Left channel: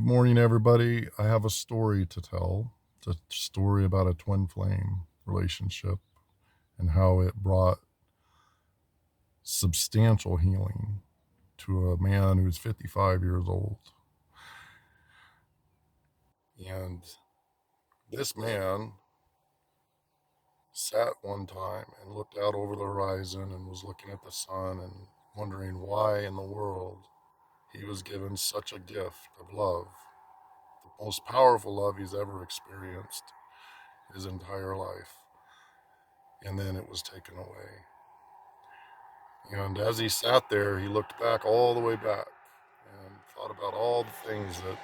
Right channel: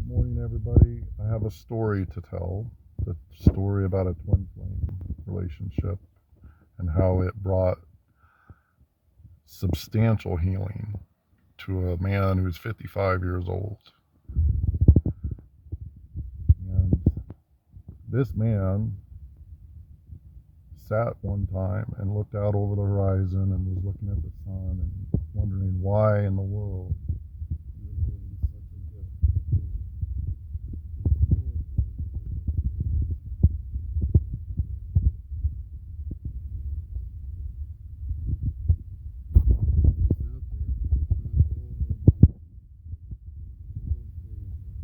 Good morning, everybody. I have a story to tell. It's a story about a twin flame relationship and how it brought substantial healing to a man who's 55 years old. And this man sat one time and looked out over the horizon and was looking at the sun and wondering why in the world he was given such a gift of love, the most powerful love he's ever experienced his entire life, and then it was taken away. And as he sat there, he looked back, all the way back, and thought about all the things that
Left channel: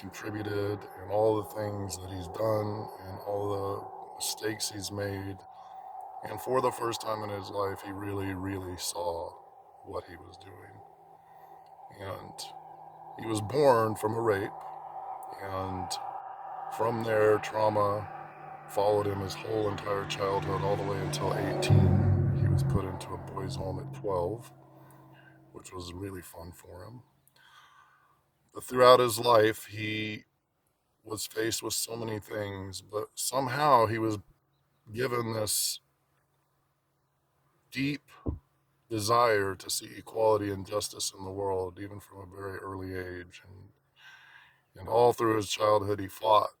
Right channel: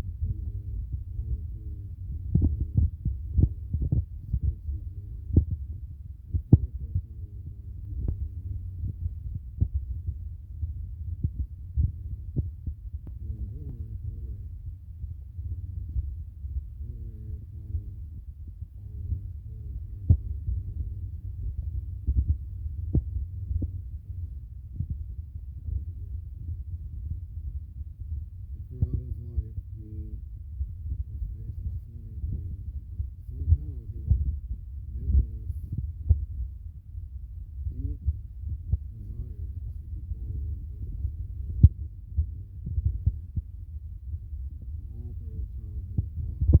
contributed and all the things that he's done and all the mistakes he's made. And for the first time in his life, he really, really saw what he was doing. And he was born from a rape, and from there, trauma followed him his whole entire childhood, all the way until 18. He was put into a boys' home at 12, which was really fun for him. But throughout his life, he was faced with so many things, but somehow he was given this deep desire to see equality and justice in the world, even from a very early age. And all through his childhood, he fought.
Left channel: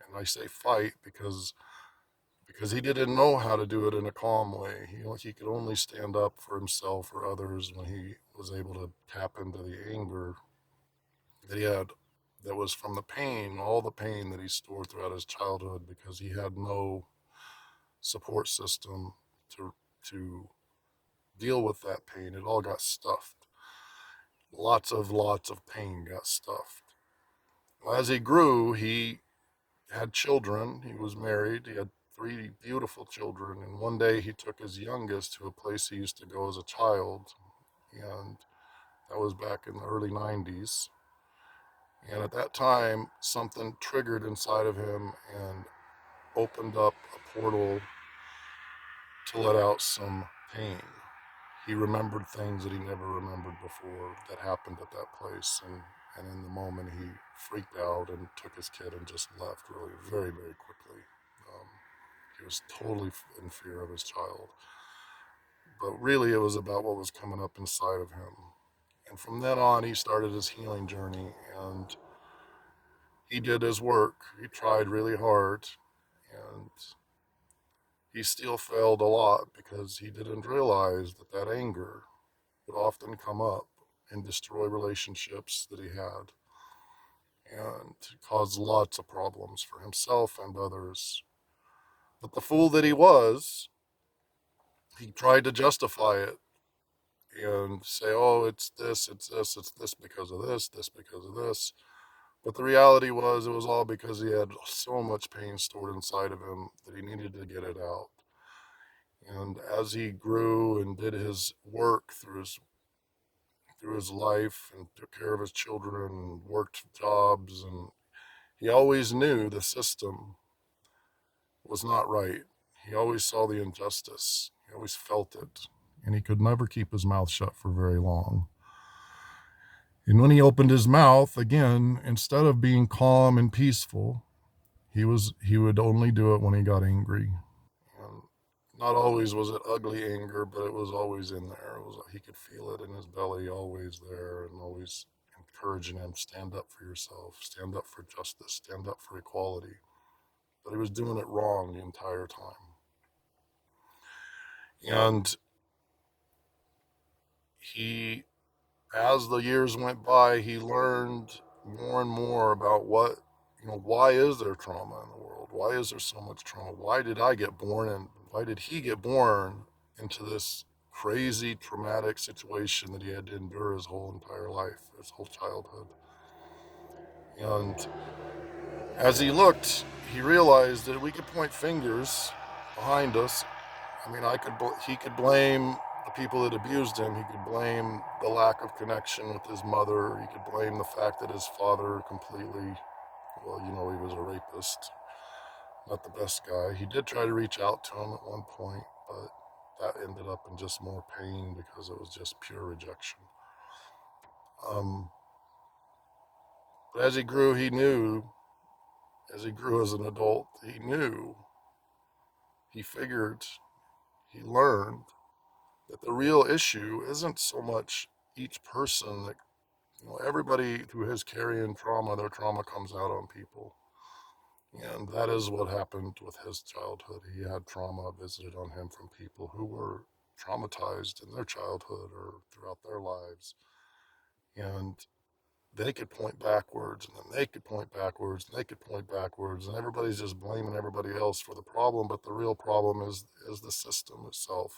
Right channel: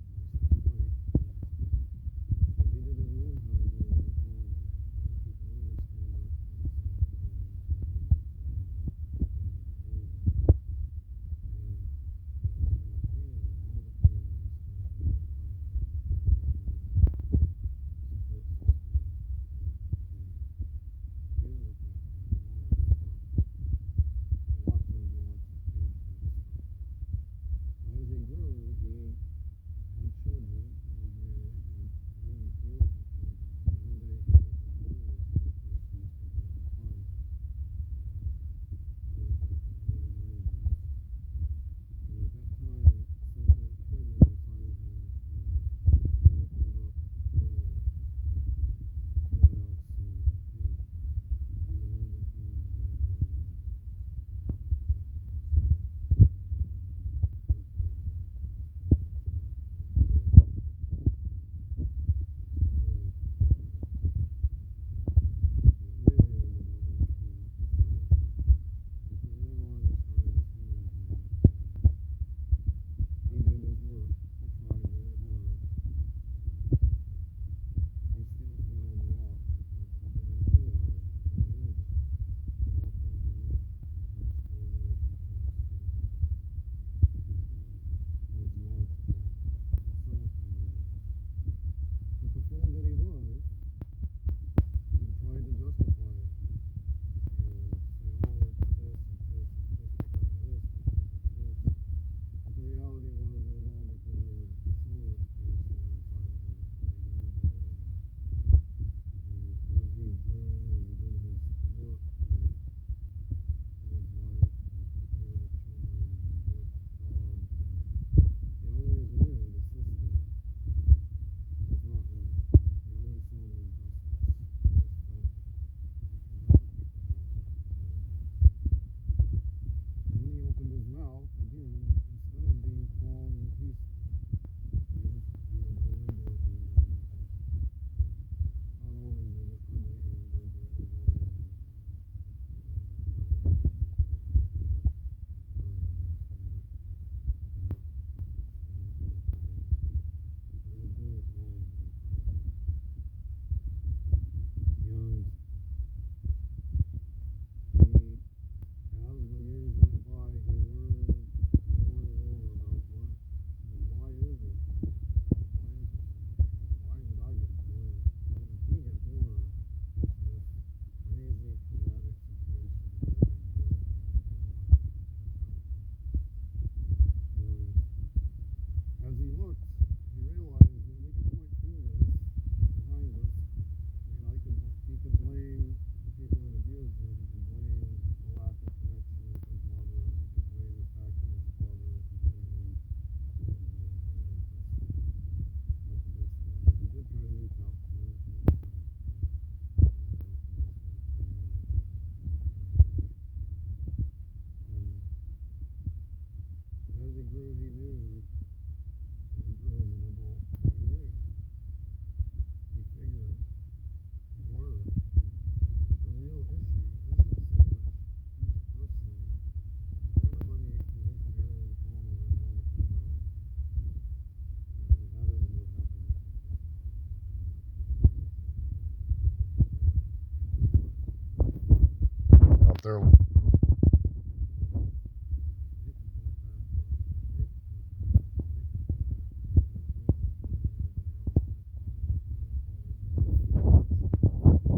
And I say fight because he didn't know how to do it in a calm way. He could only stand up for himself or others when he was able to tap into the anger that he had, that was from the pain, all the pain that he stored throughout his childhood, because he had no support system to deal with that pain. It all got stuffed. Lots of pain got stuffed. As he grew, he had children. He was married. He had 3 beautiful children. And one day he took his youngest to a place he used to go as a child. And that was back in the early 90s. And at that time, something triggered inside of him and opened up a portal to let out some pain. He remembered things that he never remembered before that happened at that place. And in the moment, he freaked out and took his kid and just left really very, very quickly. He was totally in fear of his child. But really, it was about what was coming up inside of him. And from then on, he started his healing journey, and he did his work. He tried really hard, and he still failed a lot because he didn't realize that anger would often come up and destroy relationships that he had and cause lots of problems for himself and others. But the fool that he was, he tried to justify it and say, oh, it's this because of this because of this. But the reality was, it was all because he had so much pain stored inside of him that he needed to get it out. And as he grew and did his work through his life and took care of his children and worked jobs, and he always knew the system was not right. He always saw the injustice. He always felt it. And he could never keep his mouth shut for very long. And when he opened his mouth, again, instead of being calm and peaceful, he would only do it when he got angry. And not always was it ugly anger, but it was always in there. He could feel it in his belly, always there, and always encouraging him, stand up for yourself, stand up for justice, stand up for equality. But he was doing it wrong the entire time. And as the years went by, he learned more and more about why is there trauma in the world? Why is there so much trauma? Why did I get born, and why did he get born into this crazy traumatic situation that he had to endure his whole entire life, his whole childhood? And as he looked, he realized that we could point fingers behind us. I mean, he could blame the people that abused him. He could blame the lack of connection with his mother. He could blame the fact that his father completely, he was a rapist, not the best guy. He did try to reach out to him at one point, but that ended up in just more pain because it was just pure rejection. But as he grew, he knew, as he grew as an adult, he knew, he figured, he learned that the real issue isn't so much each person that, everybody through his carrying trauma, their trauma comes out on people. And that is what happened with his childhood. He had trauma visited on him from people who were traumatized in their childhood or throughout their lives. And they could point backwards, and then they could point backwards, and they could point backwards, and everybody's just blaming everybody else for the problem. But the real problem is the system itself.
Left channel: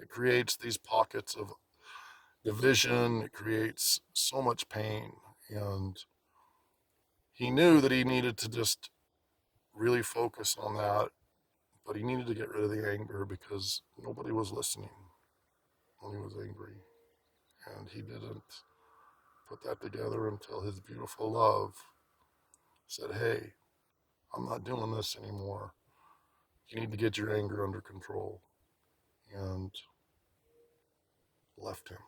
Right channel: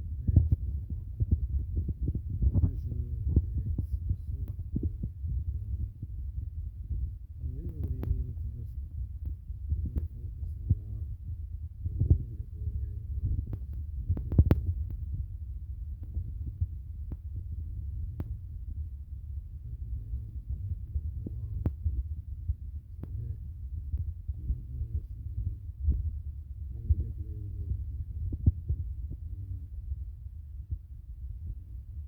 It creates these pockets of division. It creates so much pain. And he knew that he needed to just really focus on that, but he needed to get rid of the anger because nobody was listening when he was angry. And he didn't put that together until his beautiful love said, hey, I'm not doing this anymore. You need to get your anger under control. And left him.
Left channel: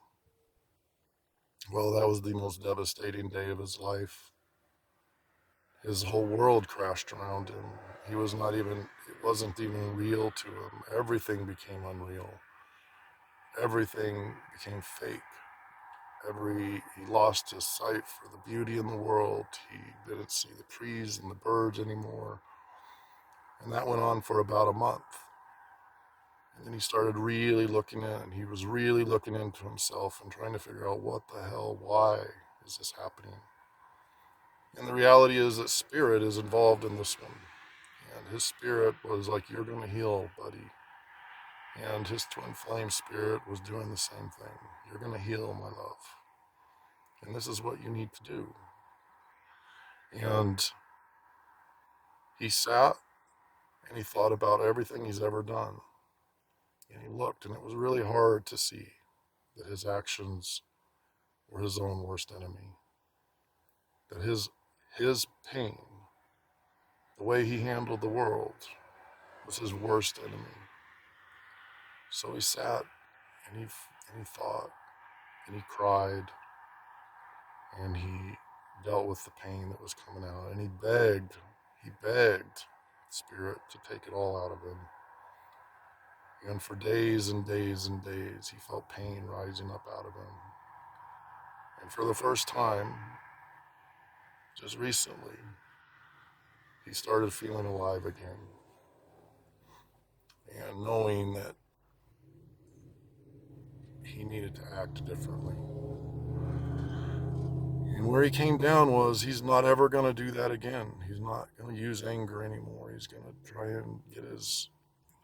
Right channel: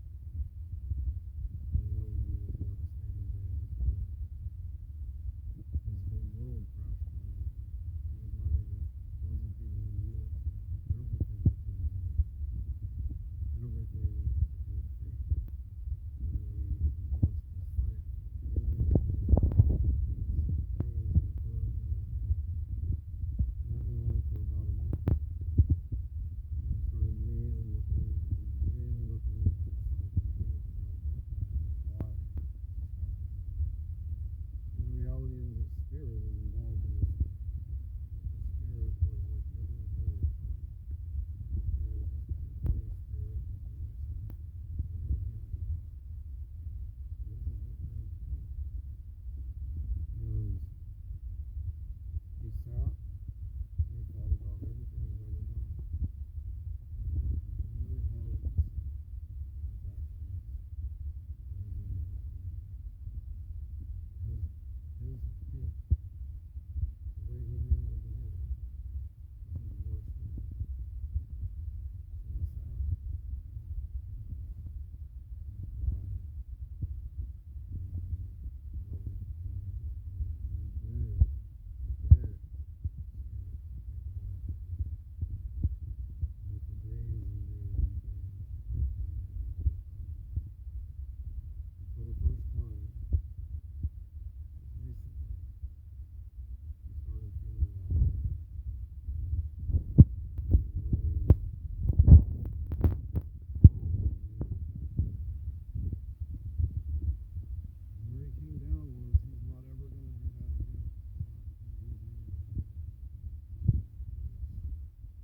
Well, that was the most devastating day of his life. His whole world crashed around him. He was not even, it wasn't even real to him. Everything became unreal. Everything became fake. He lost his sight for the beauty in the world. He didn't see the trees and the birds anymore. And that went on for about a month. And then he started really looking in. He was really looking into himself and trying to figure out what the hell, why is this happening? And the reality is that spirit is involved in this one. And his spirit was like, you're going to heal, buddy. And his twin flame spirit was doing the same thing. You're going to heal, my love. And this is what you need to do. And he sat and he thought about everything he's ever done. And he looked, and it was really hard to see that his actions were his own worst enemy. That his pain, the way he handled the world, was his worst enemy. So he sat and he thought, and he cried, and he dealt with the pain that was coming out, and he begged spirit to take it all out of him. And for days and days and days, he felt pain rising up out of him. And for the first time, just recently, he started feeling alive again. And knowing that he needed to act differently. And where he came down was he's not ever going to do that again. He's not going to use anger anymore. He's going to try and get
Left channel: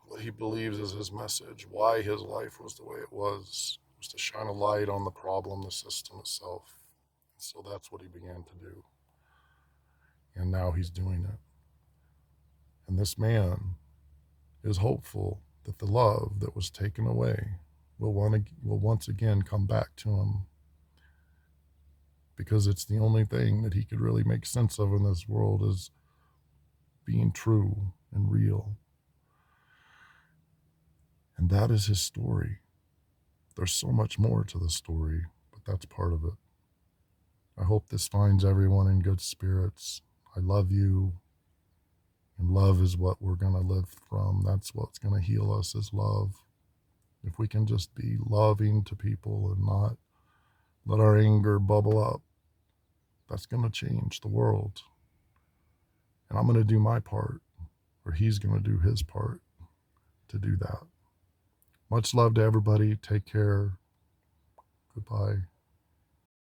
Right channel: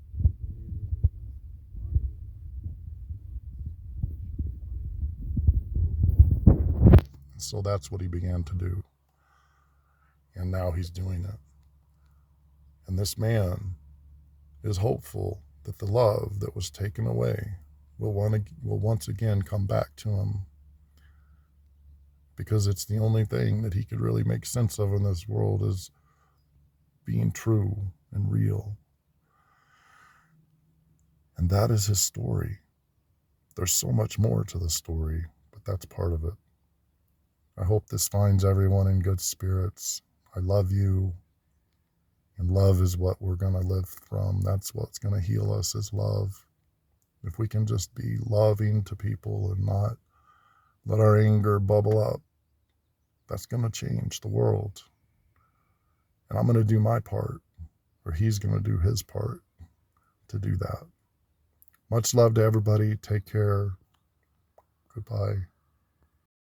what he believes is his message, why his life was the way it was to shine a light on the problem, the system itself. And so that's what he began to do. And now he's doing it. And this man is hopeful that the love that was taken away will once again come back to him, because it's the only thing that he could really make sense of in this world is being true and real. And that is his story. There's so much more to the story, but that's part of it. I hope this finds everyone in good spirits. I love you. And love is what we're going to live from. That's what's going to heal us, is love. If we can just be loving to people and not let our anger bubble up, that's going to change the world. And I'm going to do my part, or he's going to do his part to do that. Much love to everybody. Take care. Goodbye.